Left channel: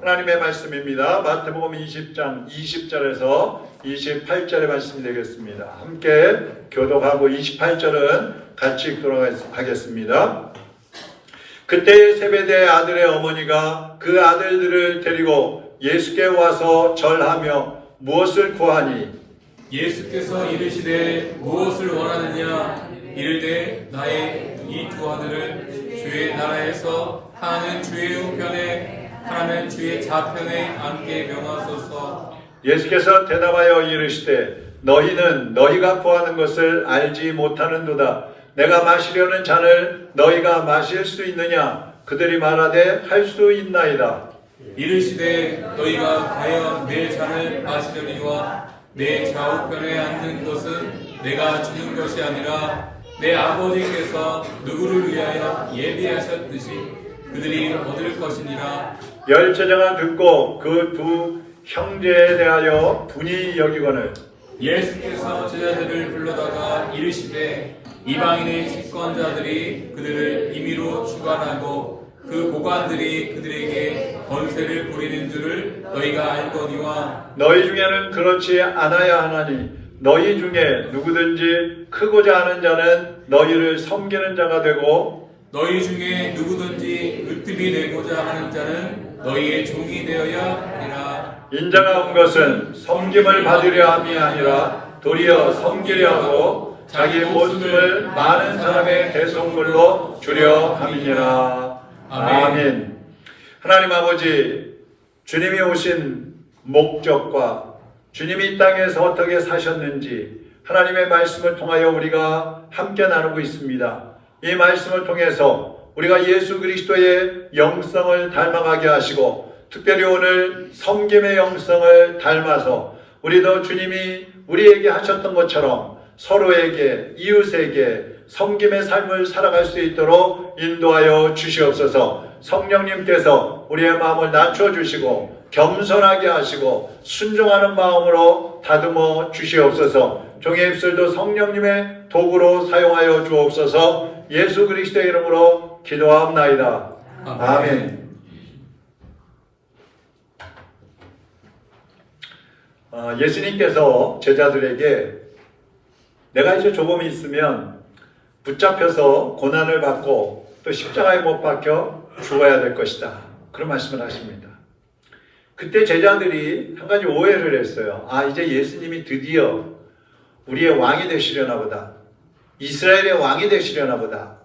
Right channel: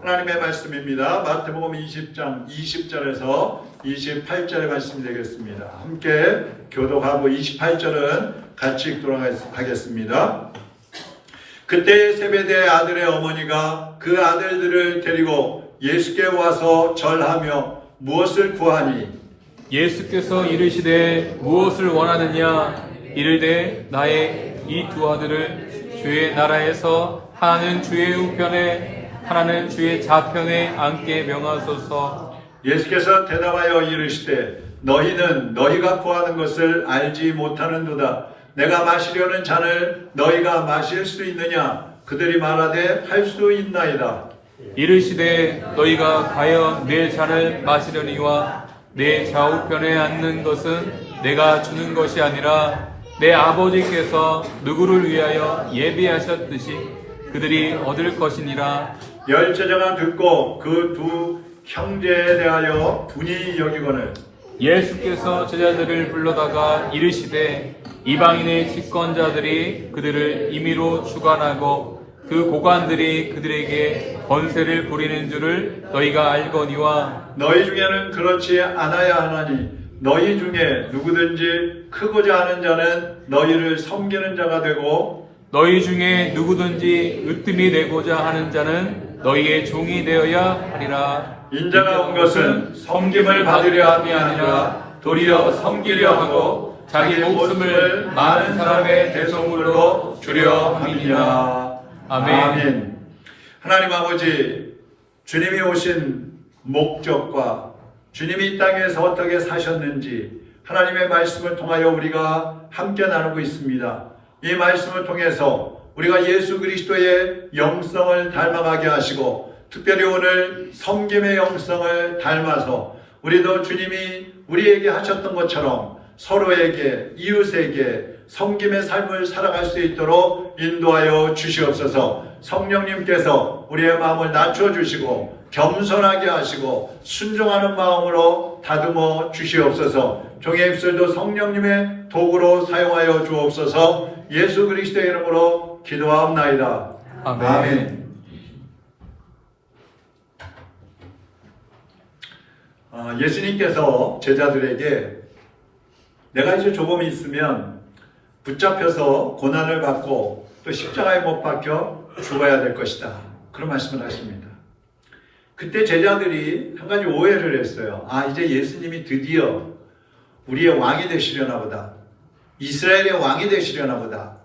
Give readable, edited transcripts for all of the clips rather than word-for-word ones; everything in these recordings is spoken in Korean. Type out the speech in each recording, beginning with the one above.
하나님의 말씀입니다. 마태복음 20장 20절에서 28절의 말씀이 되겠습니다. 함께 교독하고 28절은 같이 읽도록 하겠습니다. 그때 세베대의 아들의 어머니가 그 아들들을 데리고 예수께 와서 절하며 무엇을 구하니 예수께서 이르시되 무엇을 원하느냐 이르되 나의 이 두 아들을 주의 나라에서 하나는 주의 우편에 하나는 주의 좌편에 앉게 명하소서. 예수께서 대답하여 이르시되 너희는 너희가 구하는 것을 알지 못하는도다. 내가 마시려는 잔을 너희가 마실 수 있느냐? 그들이 말하되 할 수 있나이다. 이르시되 너희가 과연 내 잔을 마시려니와 내 좌우편에 앉는 것은 내가 주는 것이 아니라 내 아버지께서 누구를 위하여 예비하셨듯이 그들이 얻을 것이니라. 열 제자가 듣고 그 두 형제에 대하여 분이 여기거늘 예수께서 제자들을 불러다가 이르시되 이방인의 집권자들이 그들을 임의로 주관하고 그 고관들이 그들에게 권세를 부리는 줄을 너희가 알거니와 너희 중에는 그렇지 않아야 하나니 너희 중에 누구든지 크고자 하는 자는 너희를 섬기는 자가 되고 너희 중에 누구든지 으뜸이 되고자 하는 자는 너희의 종이 되어야 하리라. 인자가 온 것은 섬김을 받으려 함이 아니라 도리어 섬기려 하고 자기 목숨을 많은 사람의 대속물로 주려 함이니라. 아멘. 하나님 아버지, 주님이 오신 목적과 주님이 이 땅에서 어떻게 사셨는지 하나님의 말씀을 통하여 우리가 함께 나누고 있습니다. 이 말씀을 통해서 우리가 예수 그리스도의 영성을 닮아가게 하시고 특별히 오늘 섬김의 영성을 닮아서 우리도 주님이 우리에게 하셨던 것처럼 서로에게 이웃에게 섬김의 삶을 살아갈 수 있도록 인도하여 주시옵소서. 성령님께서 우리의 마음을 낮춰주시고 겸손하게 하시고 순종하는 마음으로 다듬어 주시옵소서. 종의 입술도 성령님의 도구로 사용하여 주옵소서. 예수 그리스도의 이름으로 기도하옵나이다. 아멘. 예수님께서 제자들에게 내가 이제 조금이 있으면 붙잡혀서 고난을 받고 또 십자가에 못 박혀 죽어야 될 것이다. 그런 말씀을 하십니다. 그때 제자들이 한 가지 오해를 했어요. 이제 예수님이 드디어 우리의 왕이 되시려나 보다. 이스라엘의 왕이 되시려나 보다.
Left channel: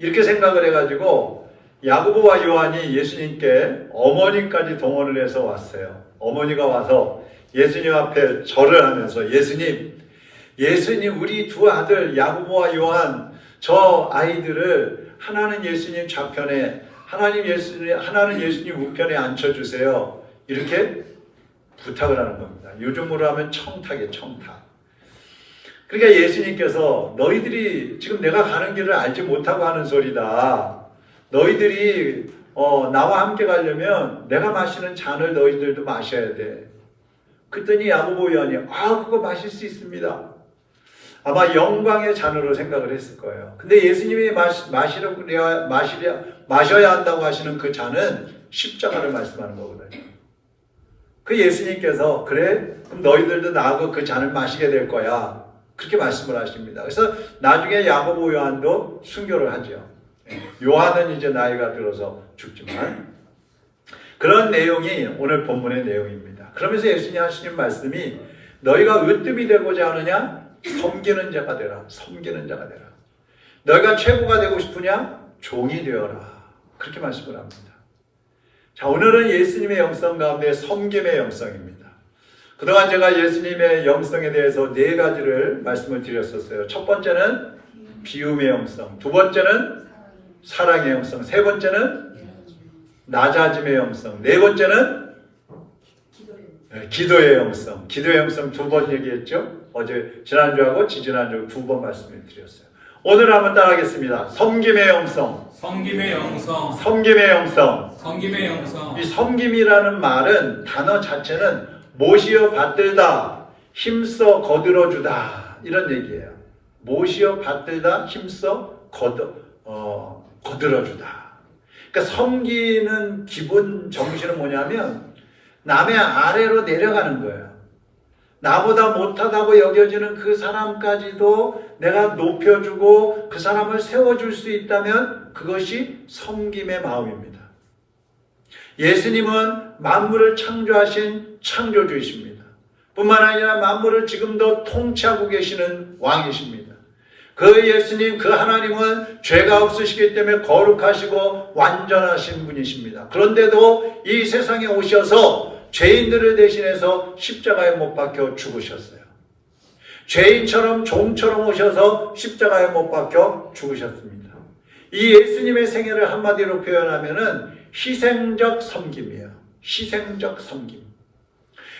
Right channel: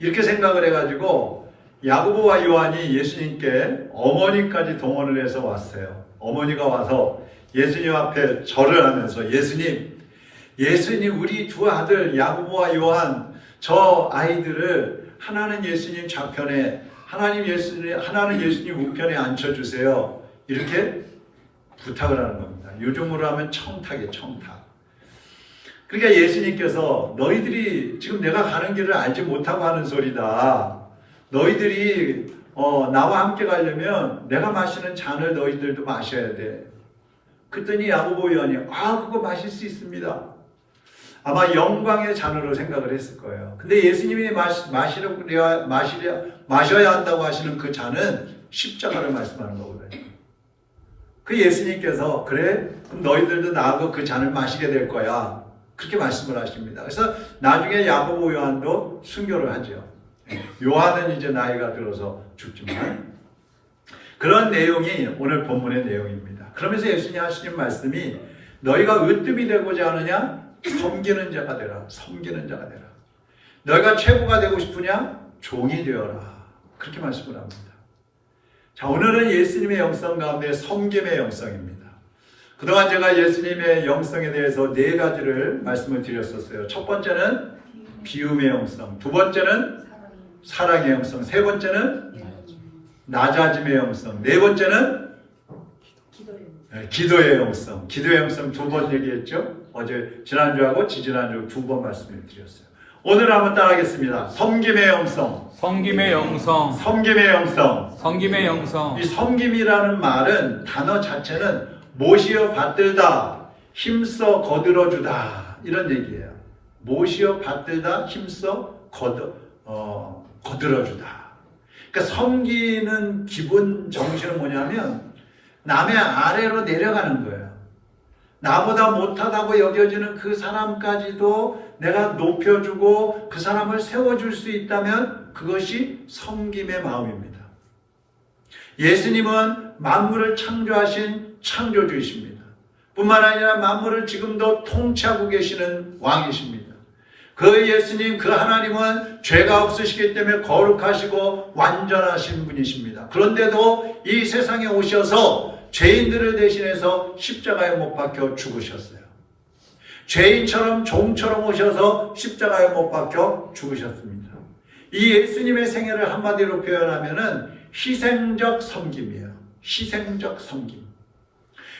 이렇게 생각을 해가지고 야고보와 요한이 예수님께 어머니까지 동원을 해서 왔어요. 어머니가 와서 예수님 앞에 절을 하면서 예수님 우리 두 아들 야고보와 요한 저 아이들을 하나는 예수님 좌편에 하나는 예수님 우편에 앉혀주세요. 이렇게 부탁을 하는 겁니다. 요즘으로 하면 청탁이에요. 청탁. 그러니까 예수님께서 너희들이 지금 내가 가는 길을 알지 못하고 하는 소리다. 너희들이 나와 함께 가려면 내가 마시는 잔을 너희들도 마셔야 돼. 그랬더니 야고보 요한이 그거 마실 수 있습니다. 아마 영광의 잔으로 생각을 했을 거예요. 근데 예수님이 마셔야 한다고 하시는 그 잔은 십자가를 말씀하는 거거든요. 그 예수님께서 그래? 그럼 너희들도 나하고 그 잔을 마시게 될 거야. 그렇게 말씀을 하십니다. 그래서 나중에 야고보 요한도 순교를 하죠. 요한은 이제 나이가 들어서 죽지만 그런 내용이 오늘 본문의 내용입니다. 그러면서 예수님 하시는 말씀이 너희가 으뜸이 되고자 하느냐? 섬기는 자가 되라. 섬기는 자가 되라. 너희가 최고가 되고 싶으냐? 종이 되어라. 그렇게 말씀을 합니다. 자, 오늘은 예수님의 영성 가운데 섬김의 영성입니다. 그동안 제가 예수님의 영성에 대해서 네 가지를 말씀을 드렸었어요. 첫 번째는 비움의 영성, 두 번째는 사랑의 영성, 세 번째는 낮아짐의 영성, 네 번째는 기도의 영성. 기도의 영성 두 번 얘기했죠. 어제 지난주하고 지지난주 두 번 말씀을 드렸어요. 오늘 한번 따라하겠습니다. 섬김의 영성. 섬김의 영성. 섬김의 영성. 섬김의 영성. 이 섬김이라는 말은 단어 자체는 모시어 받들다, 힘써 거들어주다 이런 얘기예요. 모시어 받들다, 힘써 거들어주다. 그러니까 섬기는 기본 정신은 뭐냐면 남의 아래로 내려가는 거예요. 나보다 못하다고 여겨지는 그 사람까지도 내가 높여주고 그 사람을 세워줄 수 있다면 그것이 섬김의 마음입니다. 예수님은 만물을 창조하신 창조주이십니다. 뿐만 아니라 만물을 지금도 통치하고 계시는 왕이십니다. 그 예수님, 그 하나님은 죄가 없으시기 때문에 거룩하시고 완전하신 분이십니다. 그런데도 이 세상에 오셔서 죄인들을 대신해서 십자가에 못 박혀 죽으셨어요. 죄인처럼 종처럼 오셔서 십자가에 못 박혀 죽으셨습니다. 이 예수님의 생애를 한마디로 표현하면은 희생적 섬김이에요. 희생적 섬김.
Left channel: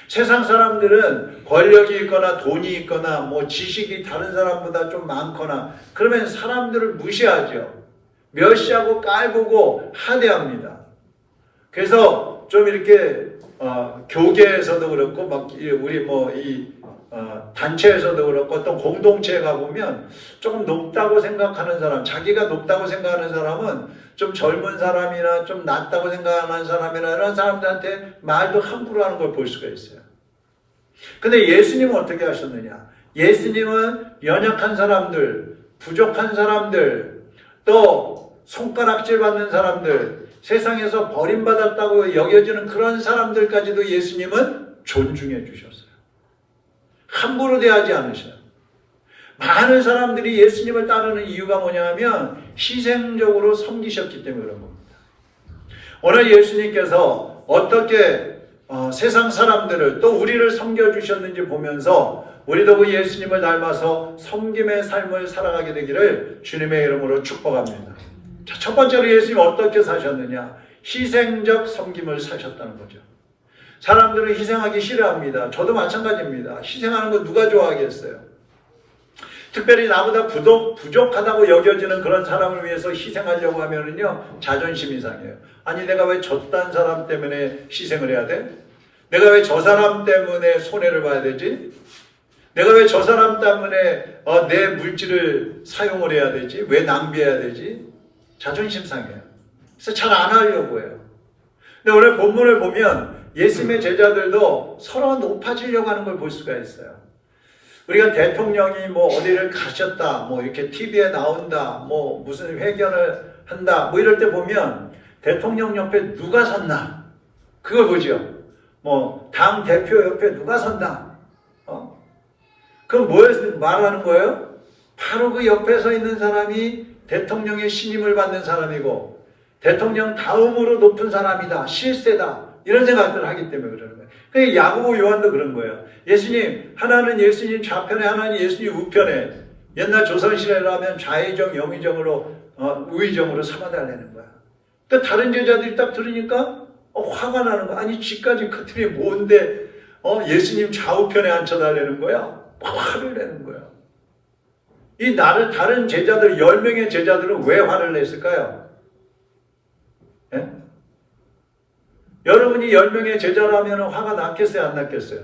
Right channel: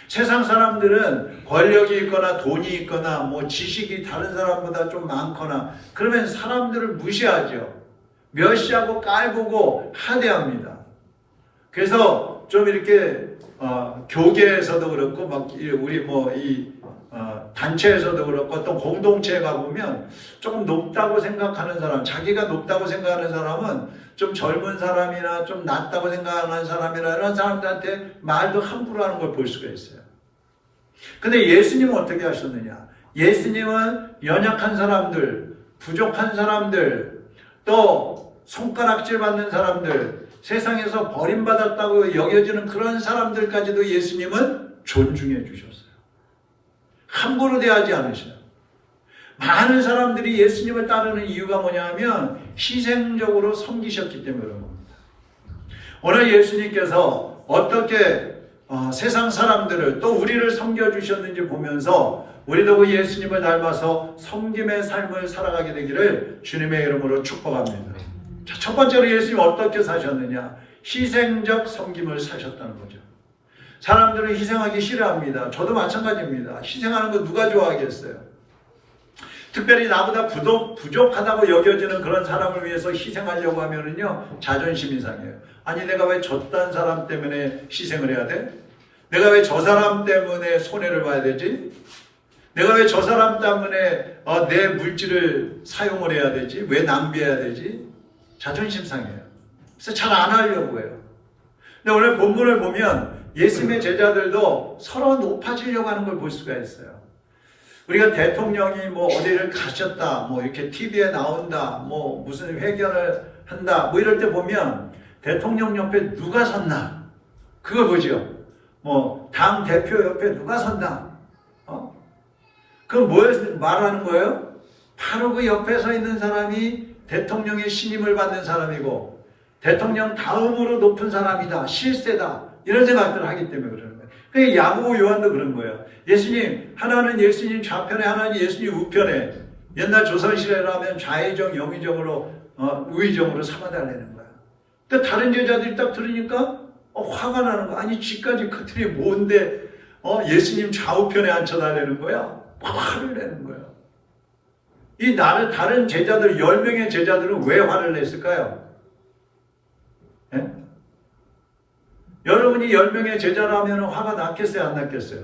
세상 사람들은 권력이 있거나 돈이 있거나 뭐 지식이 다른 사람보다 좀 많거나 그러면 사람들을 무시하죠. 멸시하고 깔보고 하대합니다. 그래서 좀 이렇게 교계에서도 그렇고 막 우리 뭐 이 단체에서도 그렇고 어떤 공동체에 가보면 조금 높다고 생각하는 사람, 자기가 높다고 생각하는 사람은 좀 젊은 사람이나 좀 낫다고 생각하는 사람이나 이런 사람들한테 말도 함부로 하는 걸 볼 수가 있어요. 근데 예수님은 어떻게 하셨느냐? 예수님은 연약한 사람들, 부족한 사람들, 또 손가락질 받는 사람들, 세상에서 버림받았다고 여겨지는 그런 사람들까지도 예수님은 존중해 주셨어요. 함부로 대하지 않으셔요. 많은 사람들이 예수님을 따르는 이유가 뭐냐면 희생적으로 섬기셨기 때문에 그런 겁니다. 오늘 예수님께서 어떻게 세상 사람들을 또 우리를 섬겨주셨는지 보면서 우리도 그 예수님을 닮아서 섬김의 삶을 살아가게 되기를 주님의 이름으로 축복합니다. 자, 첫 번째로 예수님 어떻게 사셨느냐? 희생적 섬김을 사셨다는 거죠. 사람들은 희생하기 싫어합니다. 저도 마찬가지입니다. 희생하는 거 누가 좋아하겠어요? 특별히 나보다 부족하다고 여겨지는 그런 사람을 위해서 희생하려고 하면은요, 자존심이 상해요. 아니, 내가 왜 저딴 사람 때문에 희생을 해야 돼? 내가 왜 저 사람 때문에 손해를 봐야 되지? 내가 왜 저 사람 때문에 내 물질을 사용을 해야 되지? 왜 낭비해야 되지? 자존심 상해요. 그래서 잘 안 하려고 해요. 근데 오늘 본문을 보면 예수님의 제자들도 서로 높아지려고 하는 걸 볼 수가 있어요. 우리가 대통령이 뭐 어디를 가셨다, 뭐 이렇게 TV에 나온다, 뭐 무슨 회견을 한다, 뭐 이럴 때 보면 대통령 옆에 누가 섰나? 그걸 보죠. 뭐 당 대표 옆에 누가 섰나? 그럼 뭘 말하는 거예요? 바로 그 옆에 서 있는 사람이 대통령의 신임을 받는 사람이고 대통령 다음으로 높은 사람이다, 실세다, 이런 생각들을 하기 때문에 그러는 거예요. 그러니까 야고보 요한도 그런 거예요. 예수님, 하나는 예수님 좌편에, 하나는 예수님 우편에. 옛날 조선시대라면 좌의정, 영의정으로, 우의정으로 삼아달라는 거야. 근데 다른 제자들이 딱 들으니까 화가 나는 거야. 아니, 지까지 그 틀이 뭔데 예수님 좌우편에 앉혀달라는 거야? 화를 내는 거야. 이 다른 제자들, 10명의 제자들은 왜 화를 냈을까요? 예? 여러분이 10명의 제자라면 화가 났겠어요? 안 났겠어요?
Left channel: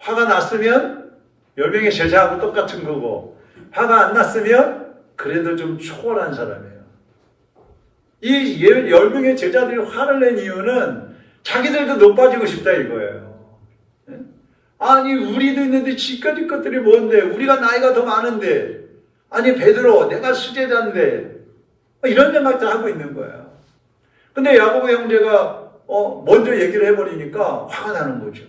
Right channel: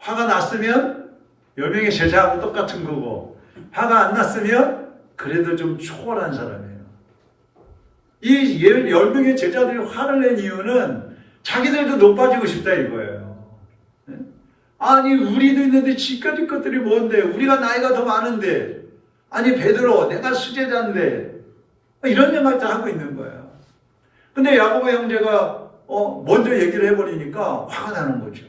화가 났으면 10명의 제자하고 똑같은 거고, 화가 안 났으면 그래도 좀 초월한 사람이에요. 이 10명의 제자들이 화를 낸 이유는 자기들도 높아지고 싶다 이거예요. 아니, 우리도 있는데 지까지 것들이 뭔데? 우리가 나이가 더 많은데, 아니 베드로 내가 수제자인데, 이런 생각들 하고 있는 거예요. 근데 야고보 형제가 먼저 얘기를 해버리니까 화가 나는 거죠.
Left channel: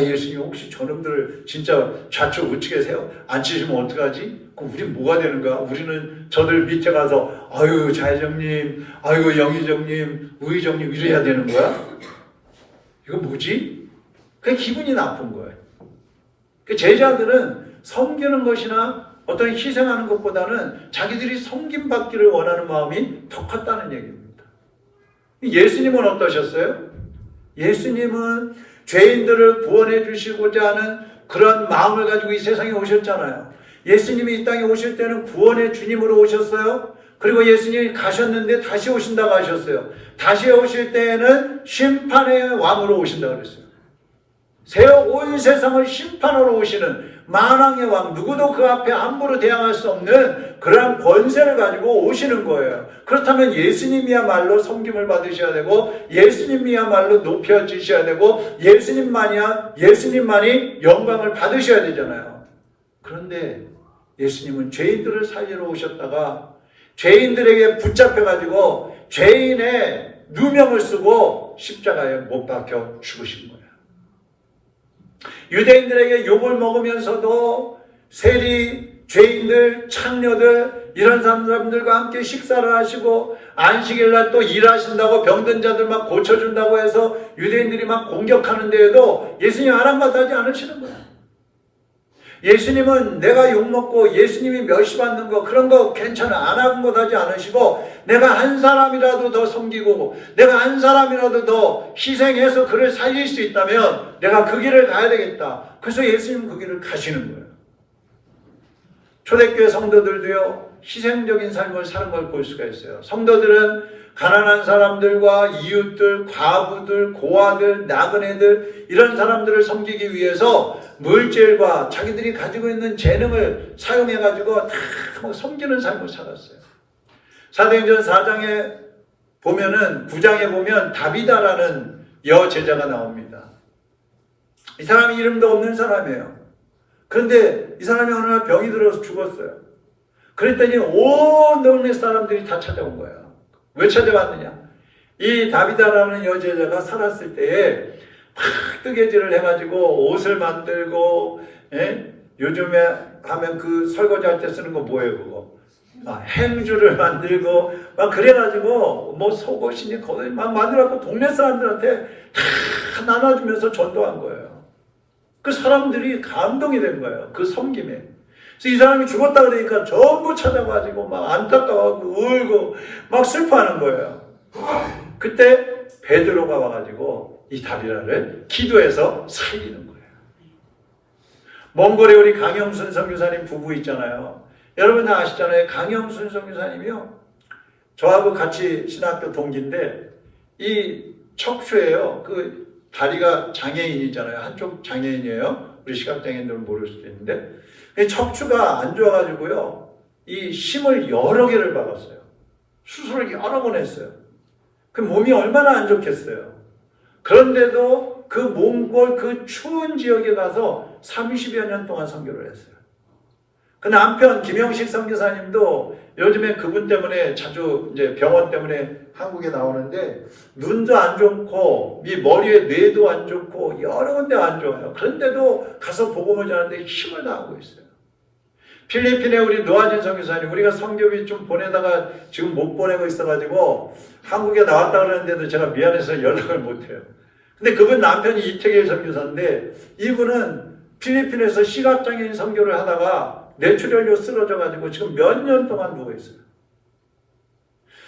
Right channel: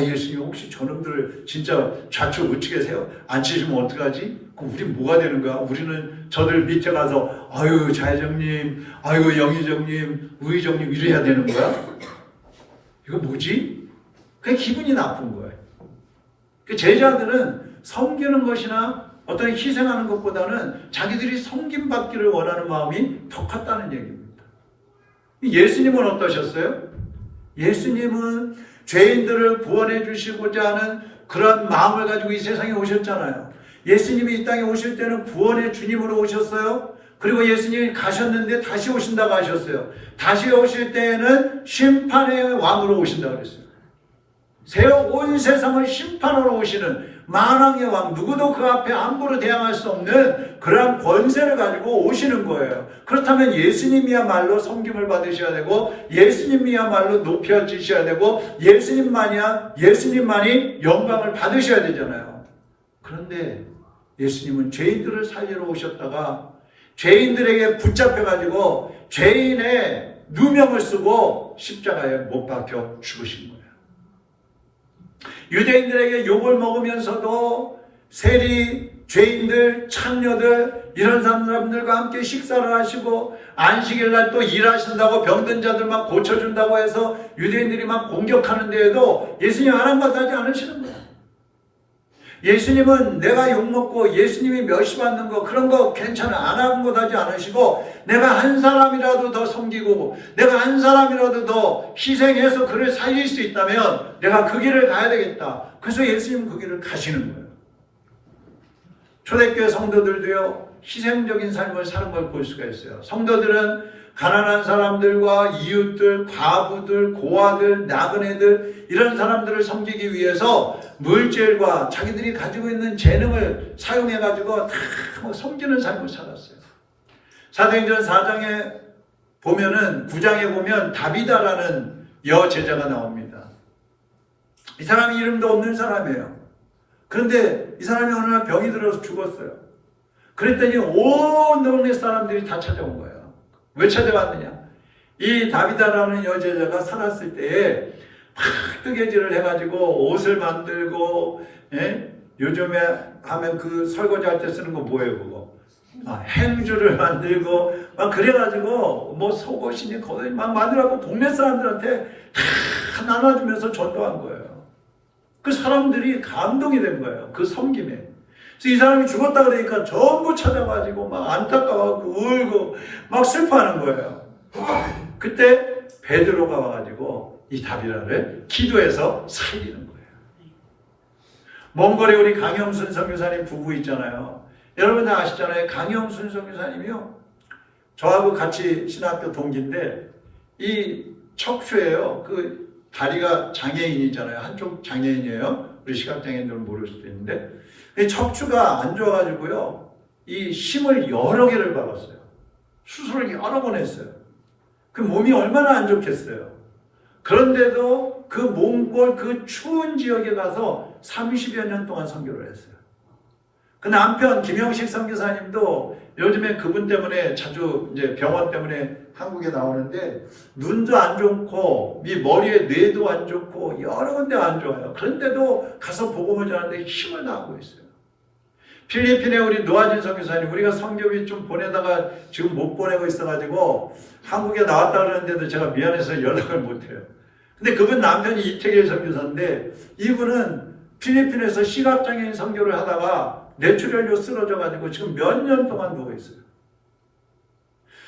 예수님, 혹시 저놈들 진짜 좌측 우측에세요? 안 치시면 어떡하지? 그럼 우리 뭐가 되는 거야? 우리는 저들 밑에 가서 아유 좌의정님, 아유 영의정님, 우의정님 이래야 되는 거야? 이거 뭐지? 그게 기분이 나쁜 거예요. 그 제자들은 섬기는 것이나 어떤 희생하는 것보다는 자기들이 섬김받기를 원하는 마음이 더 컸다는 얘기입니다. 예수님은 어떠셨어요? 예수님은 죄인들을 구원해 주시고자 하는 그런 마음을 가지고 이 세상에 오셨잖아요. 예수님이 이 땅에 오실 때는 구원의 주님으로 오셨어요. 그리고 예수님이 가셨는데 다시 오신다고 하셨어요. 다시 오실 때에는 심판의 왕으로 오신다고 그랬어요. 온 세상을 심판하러 오시는, 만왕의 왕, 누구도 그 앞에 함부로 대항할 수 없는 그러한 권세를 가지고 오시는 거예요. 그렇다면 예수님이야말로 섬김을 받으셔야 되고, 예수님이야말로 높여지셔야 되고, 예수님만이 영광을 받으셔야 되잖아요. 그런데 예수님은 죄인들을 살리러 오셨다가 죄인들에게 붙잡혀가지고 죄인의 누명을 쓰고 십자가에 못 박혀 죽으신 거예요. 유대인들에게 욕을 먹으면서도 세리, 죄인들, 창녀들 이런 사람들과 함께 식사를 하시고 안식일날 또 일하신다고 병든 자들 막 고쳐준다고 해서 유대인들이 막 공격하는 데에도 예수님 아랑곳하지 않으시는 거예요. 예수님은 내가 욕먹고 예수님이 멸시받는 거 그런 거 괜찮아 아랑곳하지 않으시고 내가 한 사람이라도 더 섬기고 내가 한 사람이라도 더 희생해서 그를 살릴 수 있다면 내가 그 길을 가야 되겠다. 그래서 예수님은 그 길을 가시는 거예요. 초대교회 성도들도요 희생적인 삶을 사는 걸 볼 수가 있어요. 성도들은 가난한 사람들과 이웃들, 과부들, 고아들, 나그네들 이런 사람들을 섬기기 위해서 물질과 자기들이 가지고 있는 재능을 사용해가지고 다 섬기는 삶을 살았어요. 사도행전 4장에 보면은 9장에 보면 다비다라는 여제자가 나옵니다. 이 사람이 이름도 없는 사람이에요. 그런데 이 사람이 어느 날 병이 들어서 죽었어요. 그랬더니 온 동네 사람들이 다 찾아온 거예요. 왜 찾아왔느냐? 이 다비다라는 여제자가 살았을 때에 막 뜨개질을 해가지고 옷을 만들고, 요즘에 하면 그 설거지할 때 쓰는 거 뭐예요, 그거? 행주를 만들고, 막 그래가지고, 뭐 속옷이니 거기 막 만들어갖고 동네 사람들한테 다 나눠주면서 전도한 거예요. 그 사람들이 감동이 된 거예요. 그 섬김에. 그래서 이 사람이 죽었다 그러니까 전부 찾아가지고 막 안타까워하고 울고 막 슬퍼하는 거예요. 그때 베드로가 와가지고 이 다비다를 기도해서 살리는 거예요. 몽골에 우리 강영순 선교사님 부부 있잖아요. 여러분 다 아시잖아요. 강영순 선교사님이요. 저하고 같이 신학교 동기인데 이 척추예요. 그 다리가 장애인이잖아요. 한쪽 장애인이에요. 우리 시각장애인들은 모를 수도 있는데 이 척추가 안 좋아가지고요. 이 심을 여러 개를 박았어요. 수술을 여러 번 했어요. 그 몸이 얼마나 안 좋겠어요. 그런데도 그 몽골 그 추운 지역에 가서 30여 년 동안 선교를 했어요. 그 남편 김영식 선교사님도 요즘에 그분 때문에 자주 이제 병원 때문에 한국에 나오는데 눈도 안 좋고 이 머리에 뇌도 안 좋고 여러 군데 안 좋아요. 그런데도 가서 복음을 전하는데 힘을 다하고 있어요. 필리핀에 우리 노아진 선교사님 우리가 선교비 좀 보내다가 지금 못 보내고 있어가지고 한국에 나왔다 그러는데도 제가 미안해서 연락을 못해요. 근데 그분 남편이 이태길 선교사인데 이분은 필리핀에서 시각장애인 선교를 하다가 뇌출혈로 쓰러져가지고 지금 몇 년 동안 누워 있어요.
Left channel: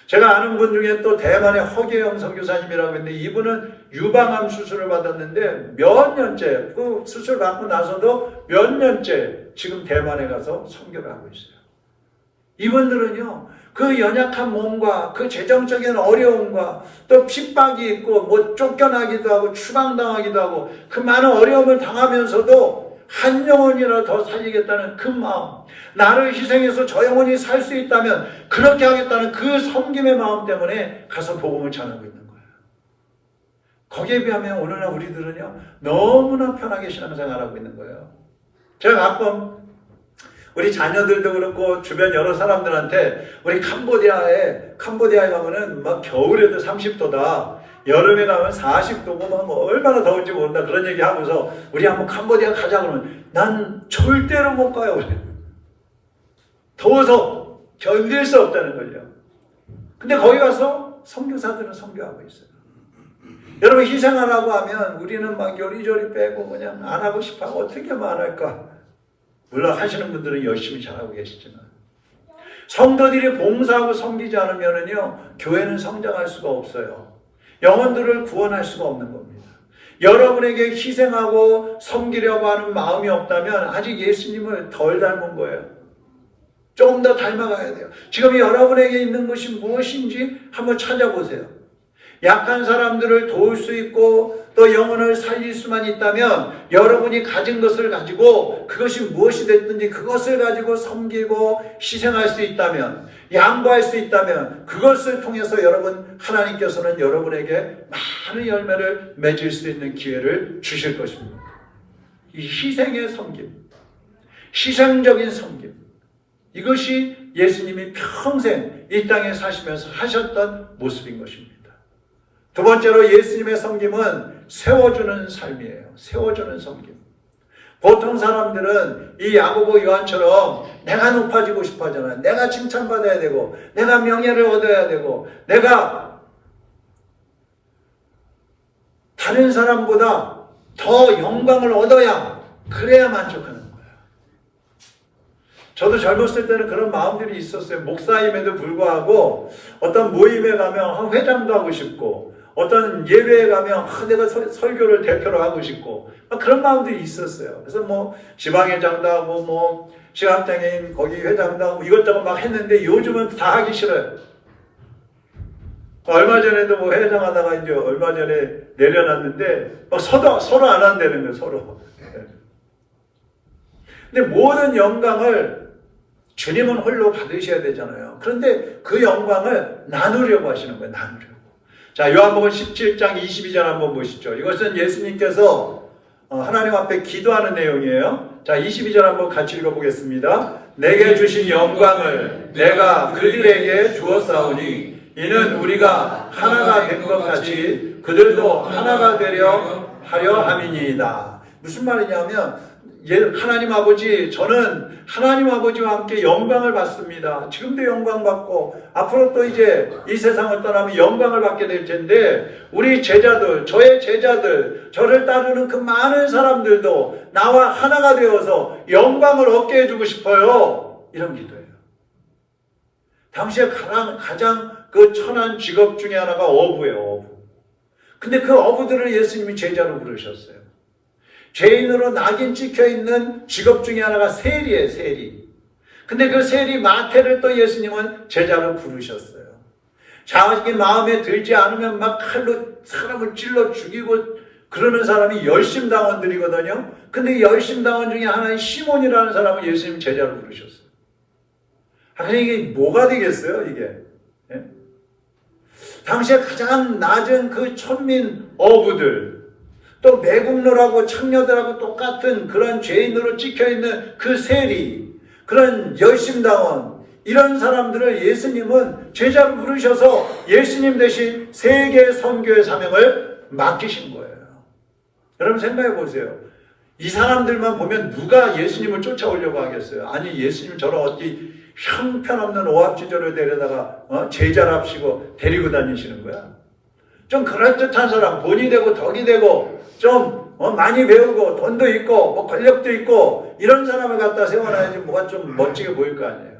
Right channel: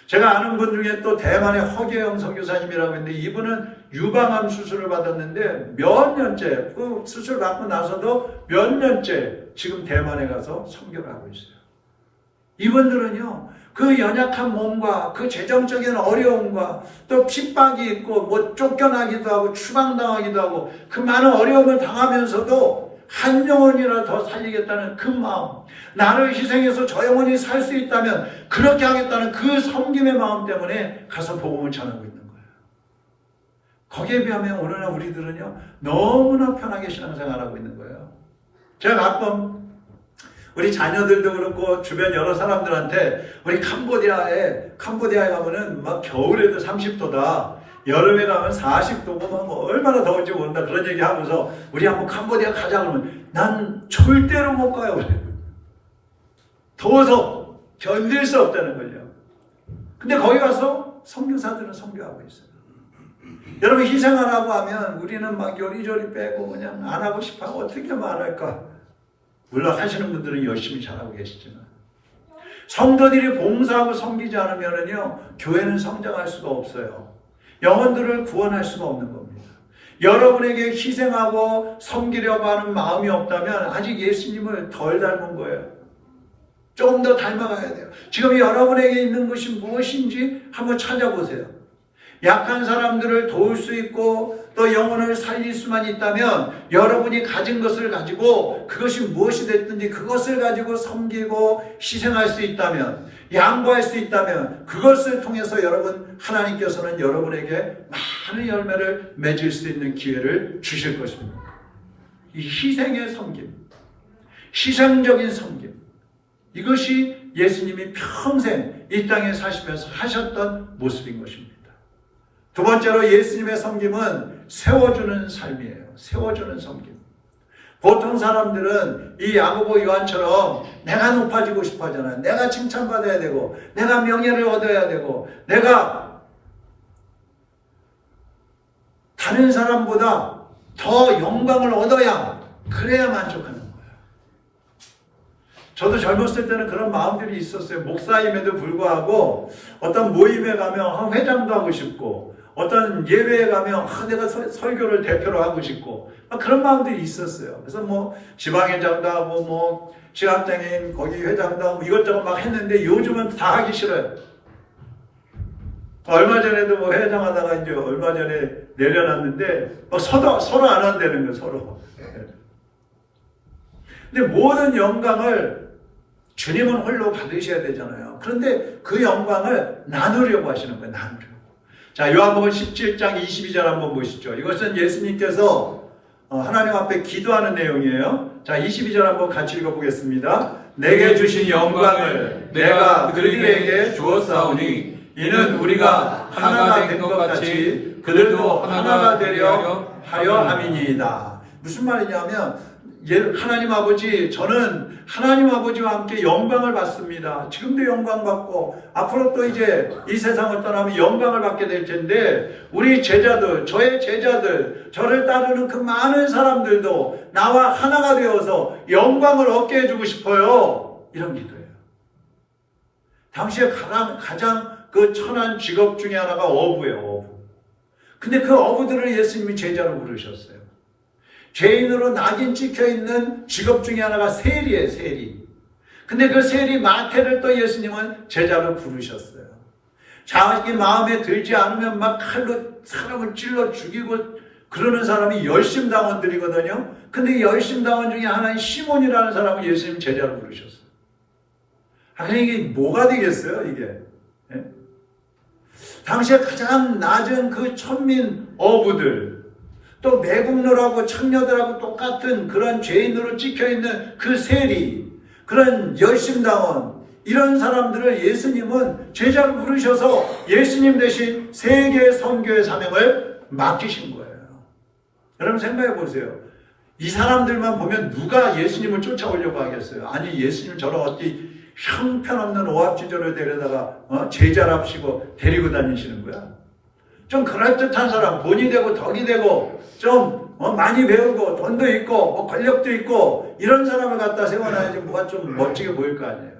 제가 아는 분 중에 또 대만의 허계영 선교사님이라고 있는데 이분은 유방암 수술을 받았는데 몇 년째 그 수술 받고 나서도 몇 년째 지금 대만에 가서 선교를 하고 있어요. 이분들은요 그 연약한 몸과 그 재정적인 어려움과 또 핍박이 있고 뭐 쫓겨나기도 하고 추방당하기도 하고 그 많은 어려움을 당하면서도 한 영혼이라도 더 살리겠다는 그 마음, 나를 희생해서 저 영혼이 살 수 있다면 그렇게 하겠다는 그 섬김의 마음 때문에 가서 복음을 전하고 있는 거예요. 거기에 비하면 오늘날 우리들은요 너무나 편하게 신앙생활하고 있는 거예요. 제가 가끔 우리 자녀들도 그렇고 주변 여러 사람들한테 우리 캄보디아에 가면은 막 겨울에도 30도다. 여름에 가면 40도고 뭐 얼마나 더울지 모른다 그런 얘기 하고서 우리 한번 캄보디아 가자 그러면 난 절대로 못 가요. 더워서 견딜 수 없다는 거죠. 근데 거기 가서 선교사들은 선교하고 있어요. 여러분 희생하라고 하면 우리는 막 요리조리 빼고 그냥 안 하고 싶어하고 어떻게 말할까. 물론 하시는 분들은 열심히 잘하고 계시지만 성도들이 봉사하고 섬기지 않으면요 교회는 성장할 수가 없어요. 영혼들을 구원할 수가 없는 겁니다. 여러분에게 희생하고 섬기려고 하는 마음이 없다면 아직 예수님을 덜 닮은 거예요. 조금 더 닮아가야 돼요. 지금 여러분에게 있는 것이 무엇인지 한번 찾아보세요. 약한 사람들을 도울 수 있고 또 영혼을 살릴 수만 있다면 여러분이 가진 것을 가지고 그것이 무엇이 됐든지 그것을 가지고 섬기고 희생할 수 있다면 양보할 수 있다면 그것을 통해서 여러분 하나님께서는 여러분에게 많은 열매를 맺을 수 있는 기회를 주실 것입니다. 이 희생의 섬김, 희생적인 섬김, 이것이 예수님이 평생 이 땅에 사시면서 하셨던 모습인 것입니다. 두 번째로 예수님의 섬김은 세워주는 삶이에요. 세워주는 섬김. 보통 사람들은 이 야고보 요한처럼 내가 높아지고 싶어 하잖아요. 내가 칭찬받아야 되고 내가 명예를 얻어야 되고 내가 다른 사람보다 더 영광을 얻어야 그래야 만족하는 거예요. 저도 젊었을 때는 그런 마음들이 있었어요. 목사임에도 불구하고 어떤 모임에 가면 회장도 하고 싶고 어떤 예배에 가면 내가 설교를 대표로 하고 싶고 그런 마음들이 있었어요. 그래서 뭐 지방회장도 하고 뭐 시각장애인 거기 회장도 하고 이것저것 막 했는데 요즘은 다 하기 싫어요. 얼마 전에도 뭐 회장하다가 이제 얼마 전에 내려놨는데 서로 안 한다는 거예요. 서로. 근데 모든 영광을 주님은 홀로 받으셔야 되잖아요. 그런데 그 영광을 나누려고 하시는 거예요. 나누려고. 자, 요한복음 17장 22절 한번 보시죠. 이것은 예수님께서 하나님 앞에 기도하는 내용이에요. 자, 22절 한번 같이 읽어보겠습니다. 내게 주신 영광을 내가 그들에게 주었사오니 이는 우리가 하나가 된 것 같이 그들도 하나가 되려 하려 함이니이다. 무슨 말이냐면 하나님 아버지, 저는 하나님 아버지와 함께 영광을 받습니다. 지금도 영광 받고 앞으로 또 이제 이 세상을 떠나면 영광을 받게 될 텐데 우리 제자들, 저의 제자들, 저를 따르는 그 많은 사람들도 나와 하나가 되어서 영광을 얻게 해주고 싶어요. 이런 기도예요. 당시에 가장 그 천한 직업 중에 하나가 어부예요. 어부. 근데 그 어부들을 예수님이 제자로 부르셨어요. 죄인으로 낙인 찍혀있는 직업 중에 하나가 세리예요. 세리. 근데 그 세리 마태를 또 예수님은 제자로 부르셨어요. 자기 마음에 들지 않으면 막 칼로 사람을 찔러 죽이고 그러는 사람이 열심당원들이거든요. 근데 이 열심당원 중에 하나인 시몬이라는 사람을 예수님 제자로 부르셨어요. 아니 이게 뭐가 되겠어요 이게? 예? 당시에 가장 낮은 그 천민 어부들 또 매국노라고 창녀들하고 똑같은 그런 죄인으로 찍혀있는 그 세리, 그런 열심당원, 이런 사람들을 예수님은 제자로 부르셔서 예수님 대신 세계 선교의 사명을 맡기신 거예요. 여러분 생각해 보세요. 이 사람들만 보면 누가 예수님을 쫓아오려고 하겠어요? 아니 예수님 저런 어디 형편없는 오합지졸을 데려다가 제자랍시고 데리고 다니시는 거야? 좀 그럴듯한 사람, 본이 되고 덕이 되고 좀 많이 배우고 돈도 있고 권력도 있고 이런 사람을 갖다 세워놔야지 뭐가 좀 멋지게 보일 거 아니에요.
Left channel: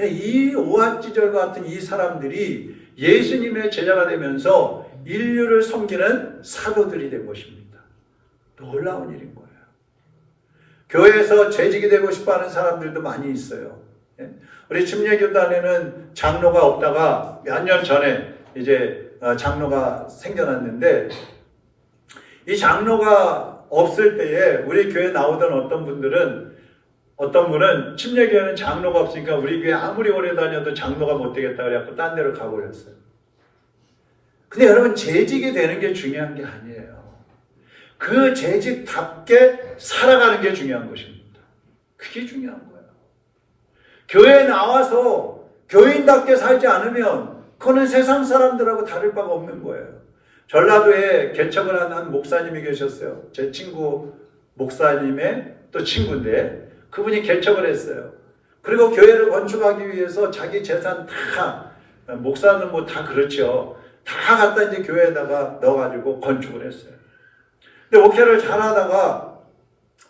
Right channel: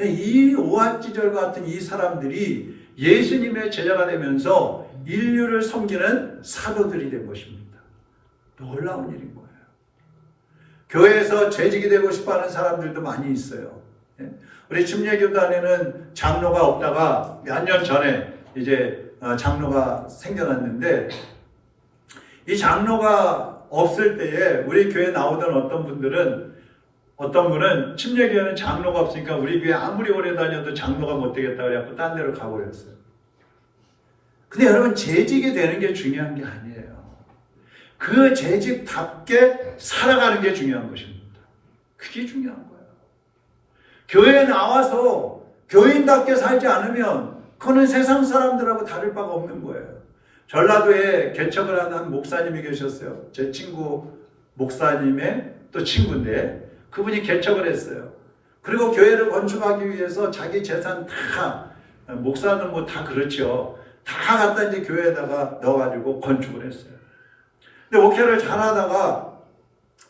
이 오합지졸 같은 이 사람들이 예수님의 제자가 되면서 인류를 섬기는 사도들이 된 것입니다. 놀라운 일인 거예요. 교회에서 재직이 되고 싶어하는 사람들도 많이 있어요. 우리 침례교단에는 장로가 없다가 몇 년 전에 이제 장로가 생겨났는데 이 장로가 없을 때에 우리 교회에 나오던 어떤 분은 침례교회는 장로가 없으니까 우리 교회 아무리 오래 다녀도 장로가 못 되겠다 그래갖고 딴 데로 가버렸어요. 근데 여러분 재직이 되는 게 중요한 게 아니에요. 그 재직답게 살아가는 게 중요한 것입니다. 그게 중요한 거예요. 교회에 나와서 교인답게 살지 않으면 그거는 세상 사람들하고 다를 바가 없는 거예요. 전라도에 개척을 하는 한 목사님이 계셨어요. 제 친구 목사님의 또 친구인데 그분이 개척을 했어요. 그리고 교회를 건축하기 위해서 자기 재산 다, 목사는 뭐 다 그렇죠. 다 갖다 이제 교회에다가 넣어가지고 건축을 했어요. 근데 목회를 잘하다가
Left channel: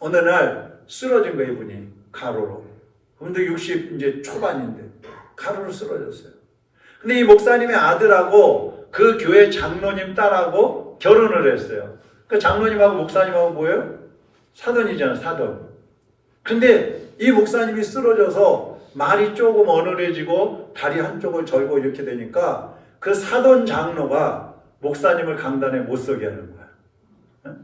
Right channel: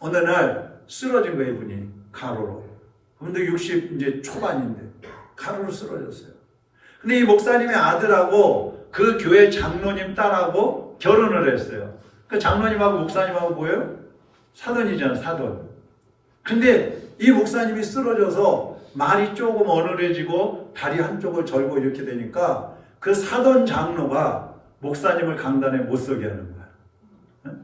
어느 날 쓰러진 거예요, 이분이. 가로로. 그분도 60 이제 초반인데 가로로 쓰러졌어요. 근데 이 목사님의 아들하고 그 교회 장로님 딸하고 결혼을 했어요. 그 장로님하고 목사님하고 뭐예요? 사돈이잖아요, 사돈. 근데 이 목사님이 쓰러져서 말이 조금 어눌해지고 다리 한쪽을 절고 이렇게 되니까 그 사돈 장로가 목사님을 강단에 못 서게 하는 거야.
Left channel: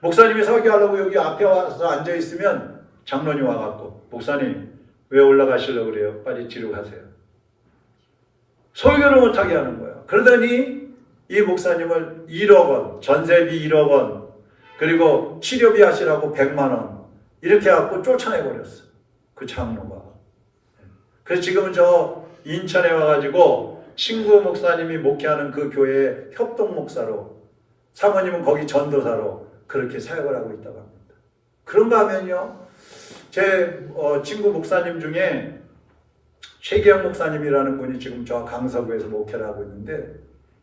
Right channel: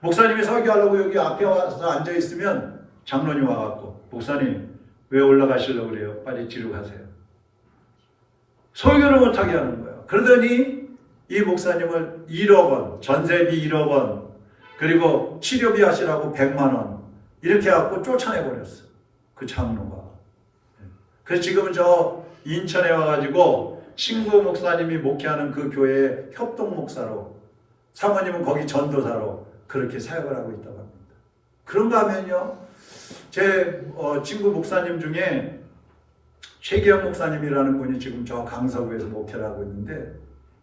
목사님이 설교하려고 여기 앞에 와서 앉아있으면 장로님 와갖고 목사님 왜 올라가시려고 그래요? 빨리 뒤로 가세요. 설교를 못하게 하는 거예요. 그러더니 이 목사님을 1억 원, 전세비 1억 원, 그리고 치료비 하시라고 100만 원 이렇게 해갖고 쫓아내버렸어. 그 장로가. 그래서 지금은 저 인천에 와가지고 친구 목사님이 목회하는 그 교회의 협동 목사로, 사모님은 거기 전도사로 그렇게 사역을 하고 있다고 합니다. 그런가 하면요, 제 친구 목사님 중에 최기영 목사님이라는 분이 지금 저 강서구에서 목회를 하고 있는데,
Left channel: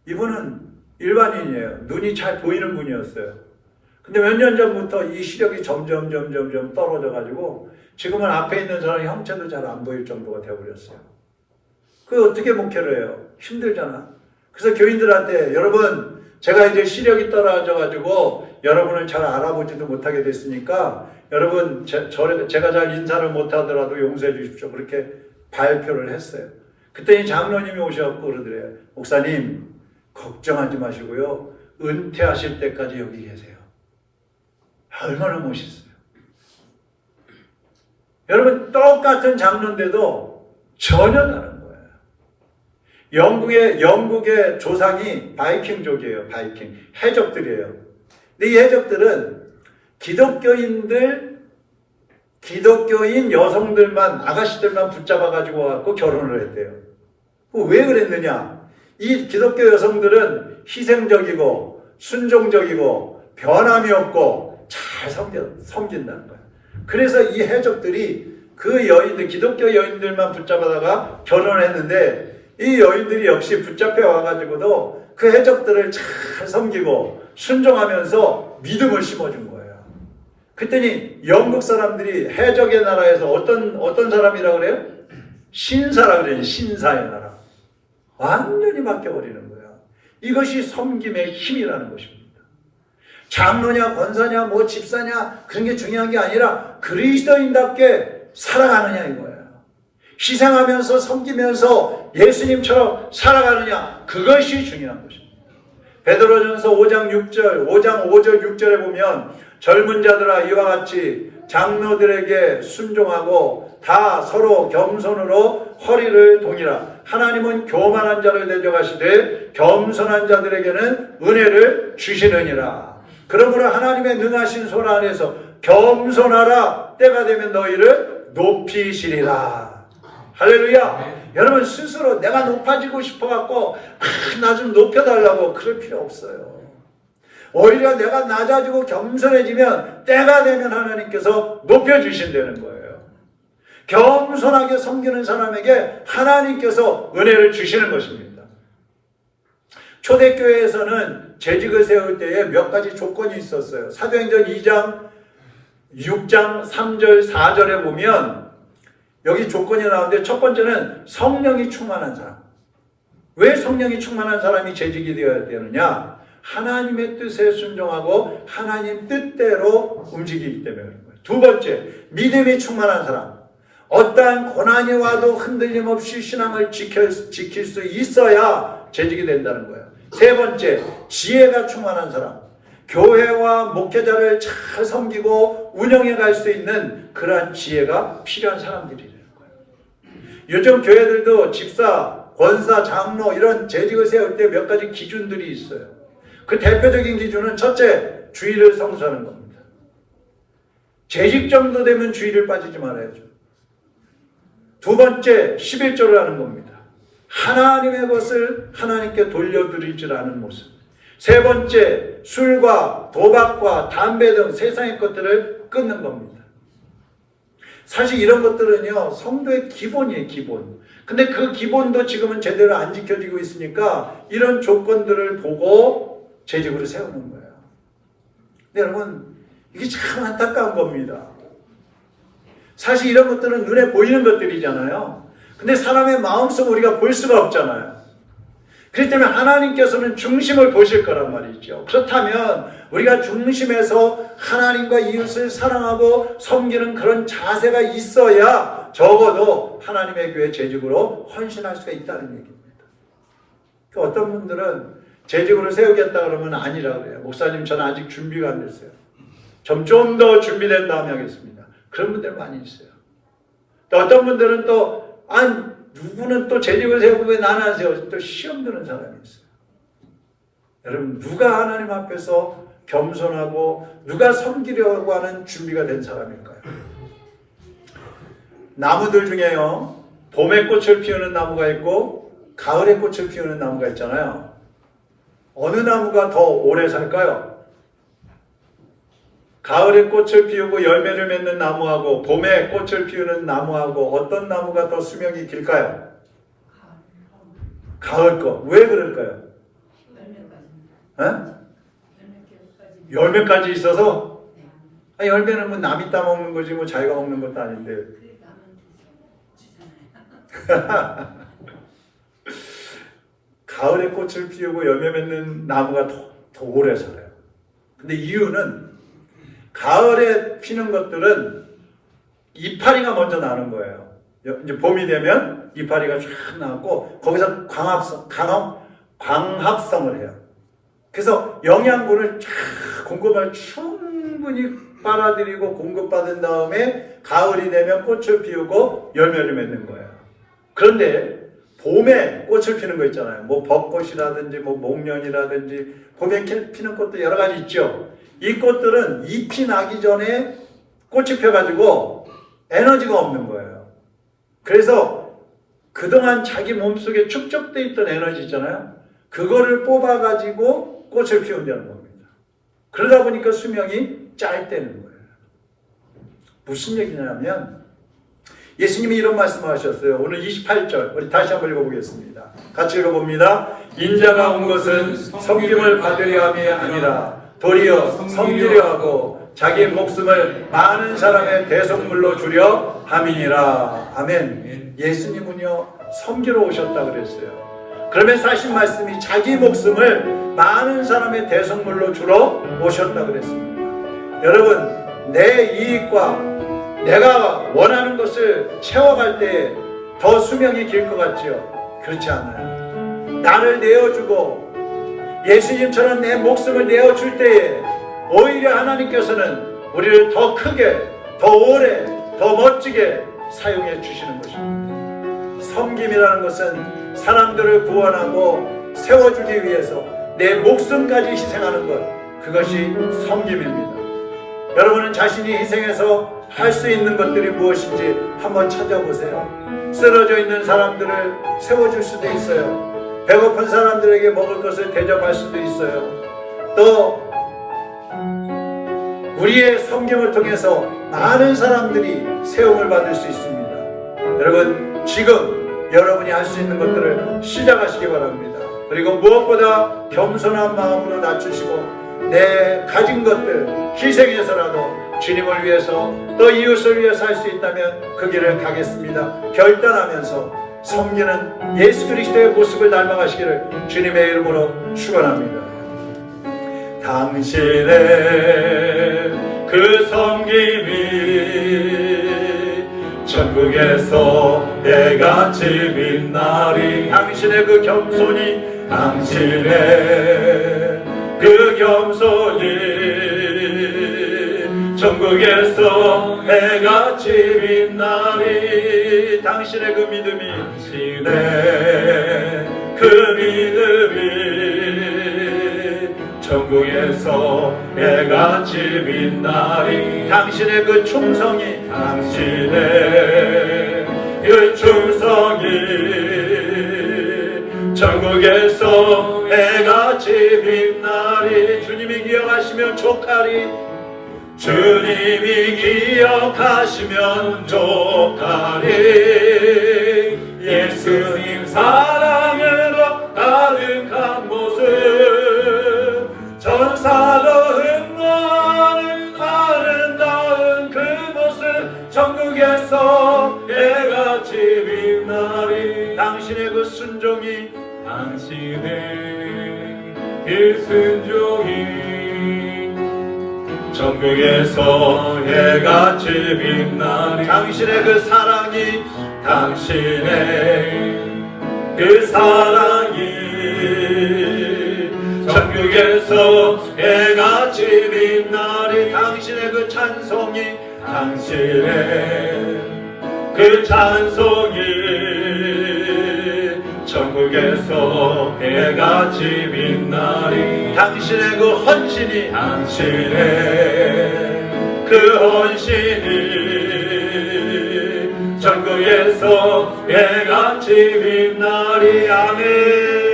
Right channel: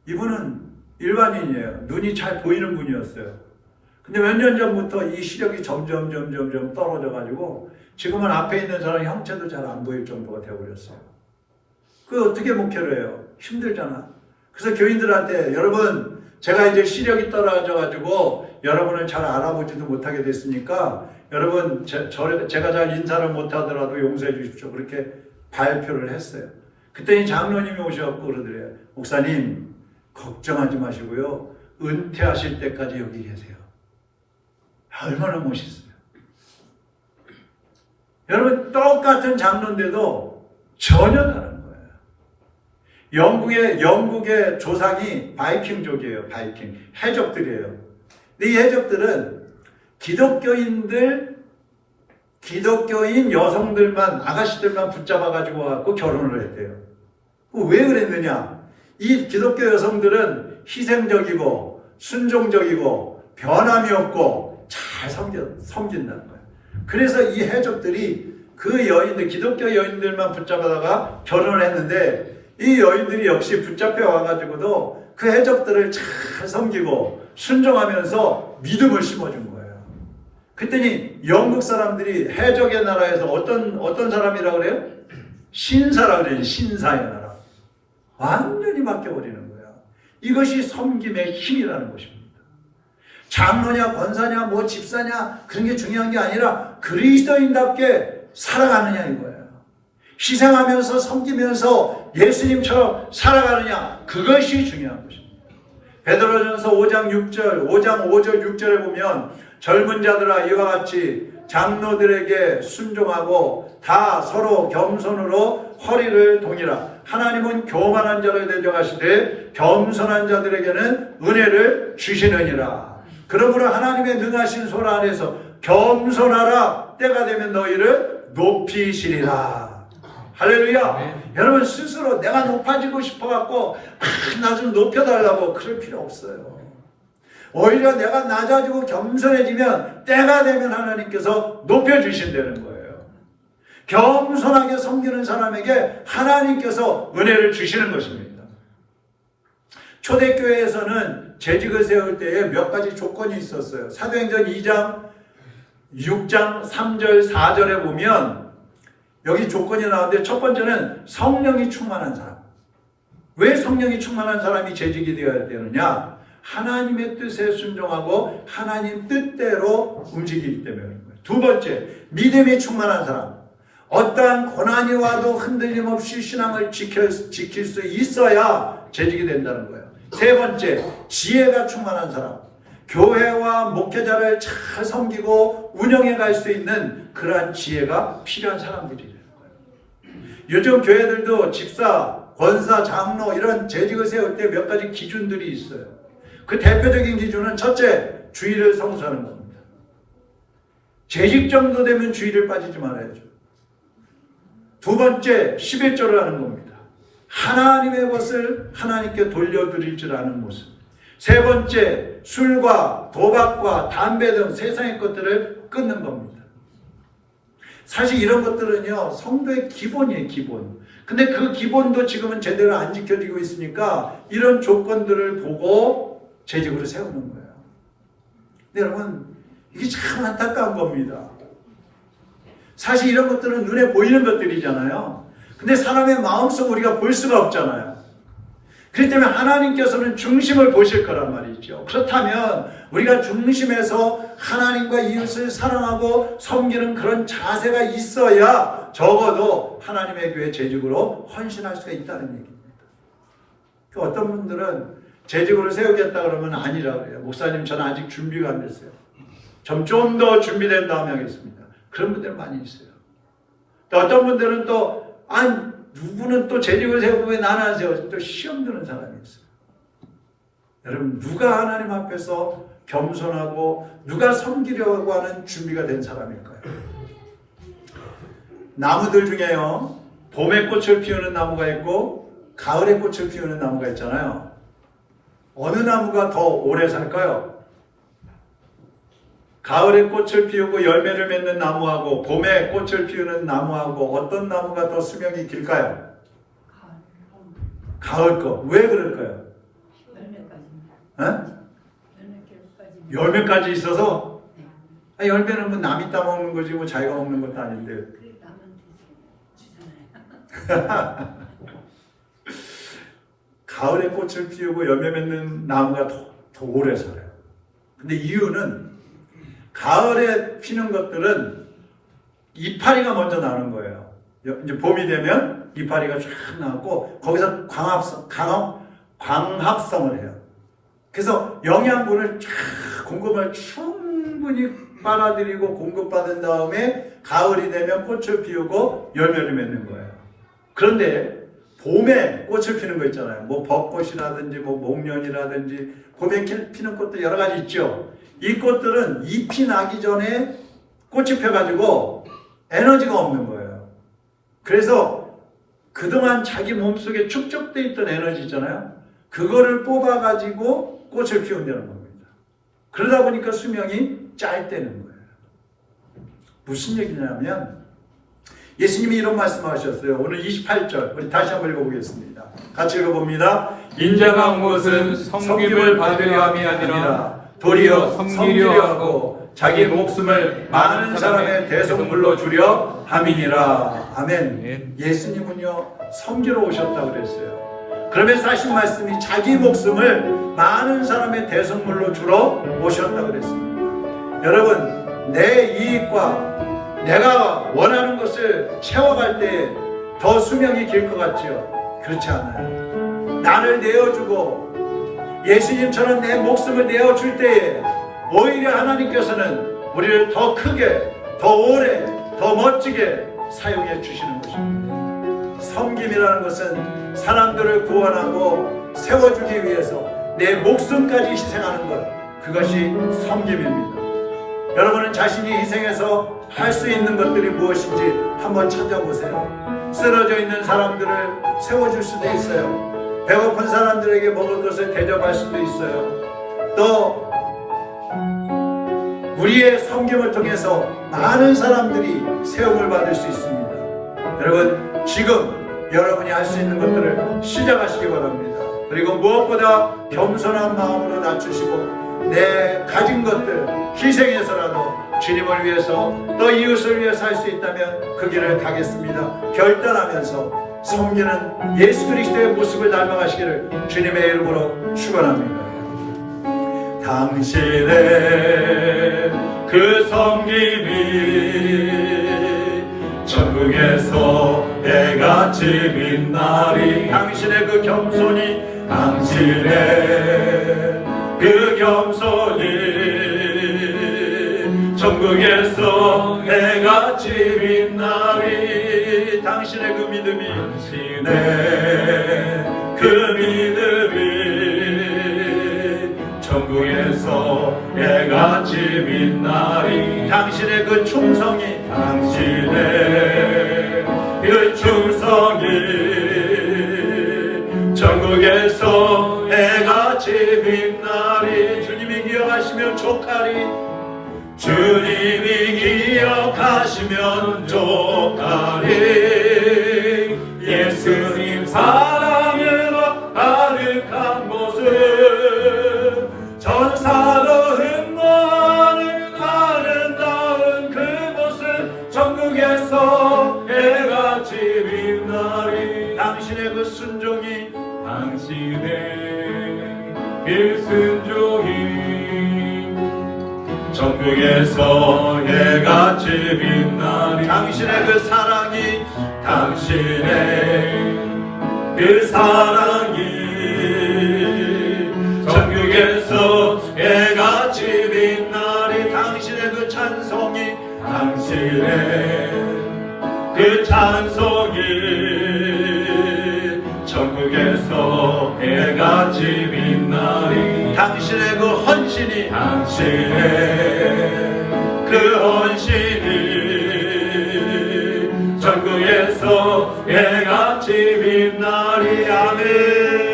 이분은 일반인이에요. 눈이 잘 보이는 분이었어요. 근데 몇 년 전부터 이 시력이 점점 떨어져가지고 지금은 앞에 있는 사람 형체도 잘 안 보일 정도가 되어버렸어요. 그 어떻게 목회를 해요? 힘들잖아. 그래서 교인들한테, 여러분 제가 이제 시력이 떨어져가지고 여러분을 잘 알아보지도 못하게 됐으니까 여러분 제가 잘 인사를 못하더라도 용서해 주십시오. 그렇게 발표를 했어요. 그때 이 장로님이 오셔서 그러더래요. 목사님 걱정하지 마시고요, 은퇴하실 때까지 여기 계세요. 얼마나 멋있어요. 여러분 똑같은 장로인데도 전혀 다른 거예요. 영국의 조상이 바이킹족이에요. 바이킹 해적들이에요. 근데 이 해적들은 기독교인 여성들만, 아가씨들만 붙잡아가지고 와서 결혼을 했대요. 왜 그랬느냐? 이 기독교 여성들은 희생적이고 순종적이고 변함이 없고 잘 섬긴다는 거예요. 그래서 이 해적들이 그 여인들, 기독교 여인들만 붙잡아다가 결혼을 했는데, 이 여인들이 역시 붙잡혀 와가지고도 그 해적들을 잘 섬기고 순종하면서 믿음을 심어준 거예요. 그랬더니 영국 사람들이 해적의 나라에서 어떤 사람이라고 그래요? 신사라고 그래요. 신사의 나라. 완전히 바뀌어버리는 거야. 이것이 섬김의 힘이라는 것입니다. 장로냐 권사냐 뭐 집사냐 그런 게 중요한 게 아니라 그리스도인답게 살아가느냐 이거야. 희생하면서 섬기면서 예수님처럼 살아가느냐, 그것이 중요한 것입니다. 베드로전서 5장 5절 6절에 보면 젊은 자들아 이와 같이 장로들에게 순종하고 다 서로 겸손으로 허리를 동이라. 하나님은 교만한 자를 대적하시되 겸손한 자들에게는 은혜를 주시느니라. 그러므로 하나님의 능하신 손 안에서 겸손하라. 때가 되면 너희를 높이시리라. 할렐루야. 여러분 스스로 내가 높아지고 싶어갖고 나 좀 높여달라고 그럴 필요 없어요. 오히려 내가 낮아지고 겸손해지면 때가 되면 하나님께서 높여주신다는 거예요. 겸손하게 섬기는 사람에게 하나님께서 은혜를 주시는 것입니다. 초대교회에서는 재직을 세울 때에 몇 가지 조건이 있었어요. 사도행전 2장 6장 3절 4절에 보면 여기 조건이 나오는데, 첫 번째는 성령이 충만한 사람. 왜 성령이 충만한 사람이 재직이 되어야 되느냐? 하나님의 뜻에 순종하고 하나님 뜻대로 움직이기 때문에 그런 거예요. 두 번째, 믿음이 충만한 사람. 어떠한 고난이 와도 흔들림 없이 신앙을 지킬 수 있어야 재직이 된다는 거예요. 세 번째, 지혜가 충만한 사람. 교회와 목회자를 잘 섬기고 운영해 갈 수 있는 그러한 지혜가 필요한 사람들이라는 거예요. 요즘 교회들도 집사, 권사, 장로 이런 재직을 세울 때 몇 가지 기준들이 있어요. 그 대표적인 기준은 첫째, 주일을 성수하는 겁니다. 재직 정도 되면 주일을 빠지지 말아야죠. 두 번째, 11조를 하는 겁니다. 하나님의 것을 하나님께 돌려드릴 줄 아는 모습. 세 번째, 술과 도박과 담배 등 세상의 것들을 끊는 겁니다. 사실 이런 것들은요, 성도의 기본이에요, 기본. 근데 그 기본도 지금은 제대로 안 지켜지고 있으니까 이런 조건들을 보고 재직으로 세우는 거예요. 근데 여러분, 이게 참 안타까운 겁니다. 사실 이런 것들은 눈에 보이는 것들이잖아요. 근데 사람의 마음속 우리가 볼 수가 없잖아요. 그렇기 때문에 하나님께서는 중심을 보실 거란 말이죠. 그렇다면 우리가 중심에서 하나님과 이웃을 사랑하고 섬기는 그런 자세가 있어야 적어도 하나님의 교회 재직으로 헌신할 수가 있다는 얘기입니다. 또 어떤 분들은 재직으로 세우겠다 그러면 아니라고 해요. 목사님 저는 아직 준비가 안 됐어요. 좀 더 준비된 다음에 하겠습니다. 그런 분들 많이 있어요. 또 어떤 분들은 또 누구는 또 재직을 세우고 왜 나는 안 세워? 또 시험 드는 사람이 있어요. 여러분 누가 하나님 앞에서 겸손하고 누가 섬기려고 하는 준비가 된 사람일까요? 나무들 중에요. 봄에 꽃을 피우는 나무가 있고 가을에 꽃을 피우는 나무가 있잖아요. 어느 나무가 더 오래 살까요? 가을에 꽃을 피우고 열매를 맺는 나무하고 봄에 꽃을 피우는 나무하고 어떤 나무가 더 수명이 길까요? 가을 거. 왜 그럴까요? 열매까지 있어서? 열매는 뭐 남이 따먹는 거지 뭐 자기가 먹는 것도 아닌데. 가을에 꽃을 피우고 열매 맺는 나무가 더 오래 살아요. 근데 이유는 가을에 피는 것들은 이파리가 먼저 나는 거예요. 이제 봄이 되면 이파리가 쫙 나고 거기서 광합성을 해요. 그래서 영양분을 쫙 공급을 충분히 빨아들이고 공급받은 다음에 가을이 되면 꽃을 피우고 열매를 맺는 거예요. 그런데 봄에 꽃을 피는 거 있잖아요. 뭐 벚꽃이라든지 뭐 목련이라든지 봄에 피는 꽃도 여러 가지 있죠. 이 꽃들은 잎이 나기 전에 꽃이 펴가지고 에너지가 없는 거예요. 그래서 그동안 자기 몸속에 축적되어 있던 에너지 있잖아요. 그거를 뽑아가지고 꽃을 피운다는 겁니다. 그러다 보니까 수명이 짧다는 거예요. 무슨 얘기냐면 예수님이 이런 말씀을 하셨어요. 오늘 28절 우리 다시 한번 읽어보겠습니다. 같이 읽어봅니다. 인자가 온 것은 섬김을 받으려 함이 아니라 도리어 섬기려 하고 자기 목숨을 많은 사람의 대속물로 주려 함이니라. 아멘. 예수님은요 섬기러 오셨다고 그랬어요. 그러면서 하신 말씀이 자기 목숨을 많은 사람의 대속물로 주러 오셨다고 그랬습니다. 여러분 내 이익과 내가 원하는 것을 채워갈 때 더 수명이 길 것 같죠? 그렇지 않아요. 나를 내어주고 예수님처럼 내 목숨을 내어줄 때에 오히려 하나님께서는 우리를 더 크게, 더 오래, 더 멋지게 사용해 주시는 것입니다. 섬김이라는 것은 사람들을 구원하고 세워주기 위해서 내 목숨까지 희생하는 것, 그것이 섬김입니다. 여러분은 자신이 희생해서 할 수 있는 것들이 무엇인지 한번 찾아보세요. 쓰러져 있는 사람들을 세워줄 수도 있어요. 배고픈 사람들에게 먹을 것을 대접할 수도 있어요. 또 우리의 섬김을 통해서 많은 사람들이 세움을 받을 수 있습니다. 여러분 지금 여러분이 할 수 있는 것들을 시작하시기 바랍니다. 그리고 무엇보다 겸손한 마음으로 낮추시고 내 가진 것들 희생해서라도 주님을 위해서 또 이웃을 위해서 할 수 있다면 그 길을 가겠습니다. 결단하면서 섬기는 예수 그리스도의 모습을 닮아가시기를 주님의 이름으로 축원합니다. 당신의 그 섬김이 천국에서 해같이 빛나리. 당신의 그 겸손이 당신의 그 겸손이 천국에서 해같이 빛나리. 당신의 그 믿음이 당신의 그 믿음이 천국에서 해같이 빛나리. 당신의 그 충성이 당신의 그 충성이 천국에서 해같이 빛나리. 주님이 기억하시면 족하리. 주님이 기억하시면 족하리. 예수님 사랑으로 가득한 모습 전사도 흠모하는 아름다운 그 모습 천국에서 해같이 빛나리. 당신의 그 순종이 당신의 그 순종이 천국에서 해같이 빛나리. 당신의 그 사랑이 당신의 그 사랑이 천국에서 해같이 빛나리 당신의 그 찬송이 당신의 그 찬송이 천국에서 해같이 빛나리 당신의 그 헌신이 당신의 그 헌신이 천국에서 해같이 빛나리 아멘.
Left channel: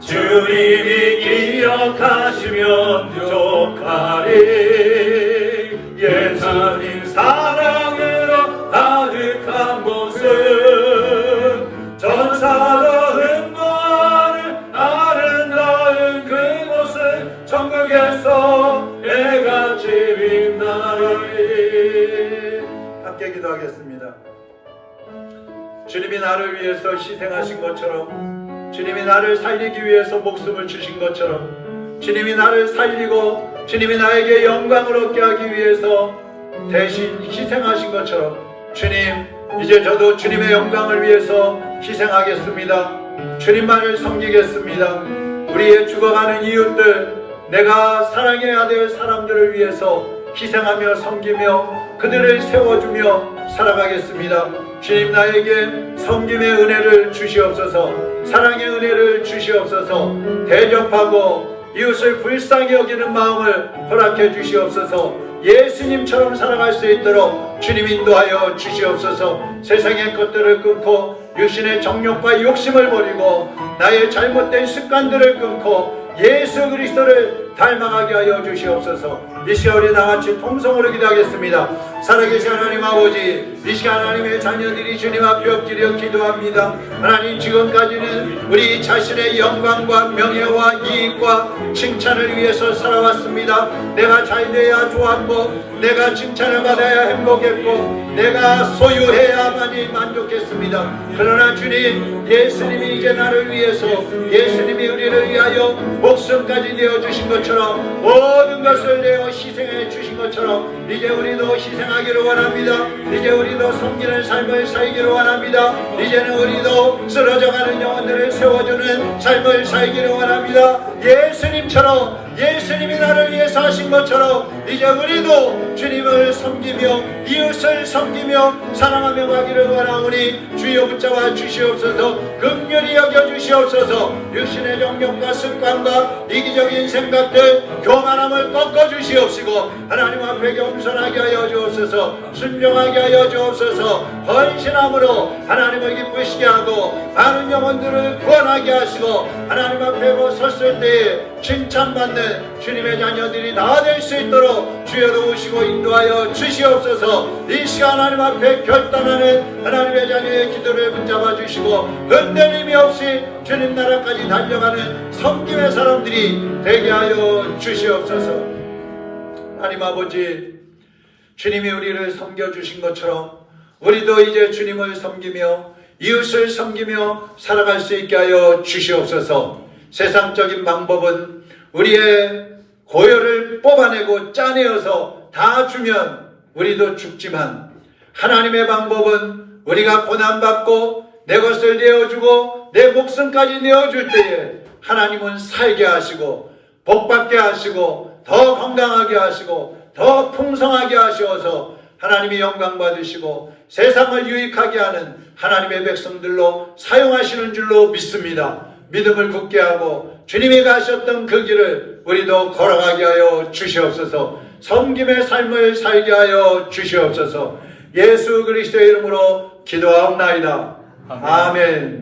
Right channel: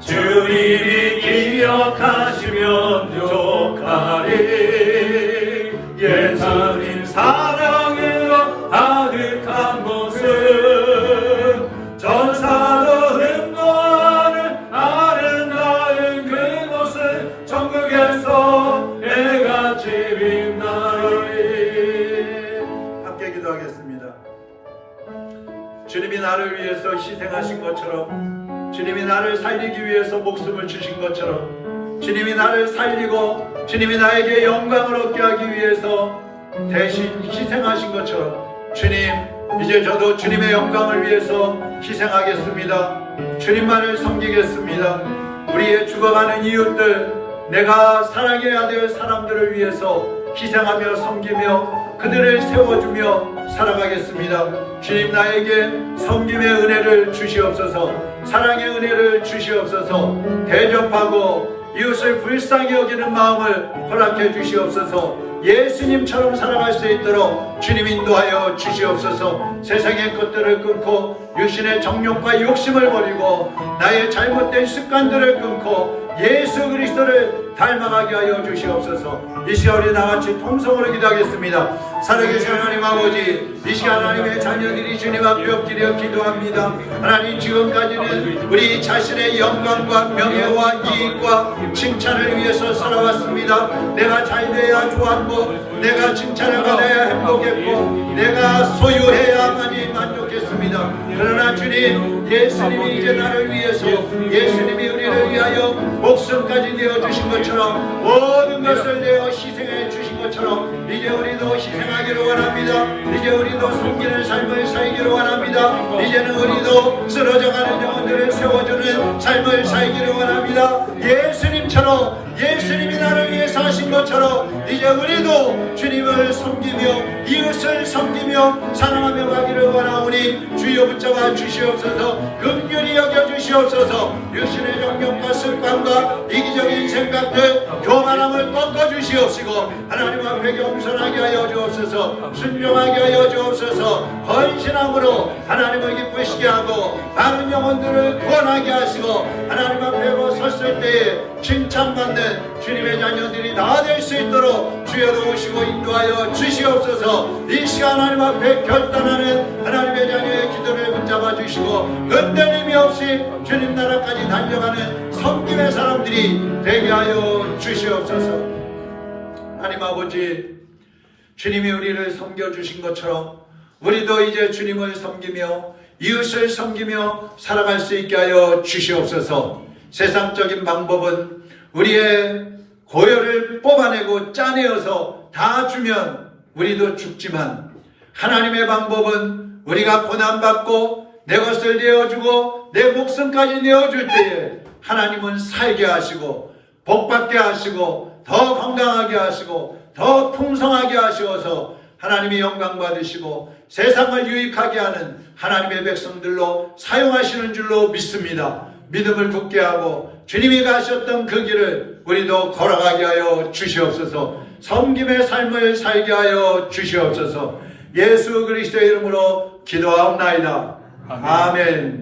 주님이 기억하시면 족하리 예수님 사랑으로 가득한 모습 전사로 흥거하는 아름다운 그 모습 천국에서 해같이 빛나리. 함께 기도하겠습니다. 주님이 나를 위해서 희생하신 것처럼 주님이 나를 살리기 위해서 목숨을 주신 것처럼 주님이 나를 살리고 주님이 나에게 영광을 얻게 하기 위해서 대신 희생하신 것처럼 주님, 이제 저도 주님의 영광을 위해서 희생하겠습니다. 주님만을 섬기겠습니다. 우리의 죽어가는 이웃들, 내가 사랑해야 될 사람들을 위해서 희생하며 섬기며 그들을 세워주며 살아가겠습니다. 주님, 나에게 섬김의 은혜를 주시옵소서. 사랑의 은혜를 주시옵소서. 대접하고 이웃을 불쌍히 여기는 마음을 허락해 주시옵소서. 예수님처럼 살아갈 수 있도록 주님 인도하여 주시옵소서. 세상의 것들을 끊고 육신의 정욕과 욕심을 버리고 나의 잘못된 습관들을 끊고 예수 그리스도를 닮아가게 하여 주시옵소서. 이 시간 우리 나같이 통성으로 기도하겠습니다. 살아계신 하나님 아버지, 이 시간 하나님의 자녀들이 주님 앞에 엎드려 기도합니다. 하나님, 지금까지는 우리 자신의 영광과 명예와 이익과 칭찬을 위해서 살아왔습니다. 내가 잘 되어야 좋았고 내가 칭찬을 받아야 행복했고 내가 소유해야만이 만족했습니다. 그러나 주님, 예수님이 이제 나를 위해서, 예수님이 우리를 위하여 목숨까지 내어주신 것처럼 모든 것을 내어 희생해 주신 것처럼 이제 우리도 희생하기를 원합니다. 이제 우리도 섬기는 삶을 살기를 원합니다. 이제는 우리도 쓰러져가는 영혼들을 세워주는 삶을 살기를 원합니다. 예수님처럼, 예수님이 나를 위해서 하신 것처럼 이제 우리도 주님을 섬기며 이웃을 섬기며 사랑하며 가기를 원하오니 주여 붙잡아 주시옵소서. 긍휼히 여겨 주시옵소서. 육신의 정욕과 습관과 이기적인 생각들, 교만함을 꺾어 주시옵시고 하나님 앞에 겸손하게 하여 주옵소서. 순종하게 하여 주옵소서. 헌신함으로 하나님을 기쁘시게 하고 많은 영혼들을 구원하게 하시고 하나님 앞에 섰을 때에 칭찬받는 주님의 자녀들이 다 될 수 있도록 주여로 오시고 인도하여 주시옵소서. 이 시간 하나님 앞에 결단하는 하나님의 자녀의 기도를 붙잡아 주시고 흔들림이 없이 주님 나라까지 달려가는 섬김의 사람들이 되게 하여 주시옵소서. 하나님 아버지, 주님이 우리를 섬겨주신 것처럼 우리도 이제 주님을 섬기며 이웃을 섬기며 살아갈 수 있게 하여 주시옵소서. 세상적인 방법은 우리의 고열을 뽑아내고 짜내어서 다 주면 우리도 죽지만 하나님의 방법은 우리가 고난받고 내 것을 내어주고 내 목숨까지 내어줄 때에 하나님은 살게 하시고 복받게 하시고 더 건강하게 하시고 더 풍성하게 하시어서 하나님이 영광 받으시고 세상을 유익하게 하는 하나님의 백성들로 사용하시는 줄로 믿습니다. 믿음을 굳게 하고 주님이 가셨던 그 길을 우리도 걸어가게 하여 주시옵소서. 섬김의 삶을 살게 하여 주시옵소서. 예수 그리스도의 이름으로 기도하옵나이다. 아멘.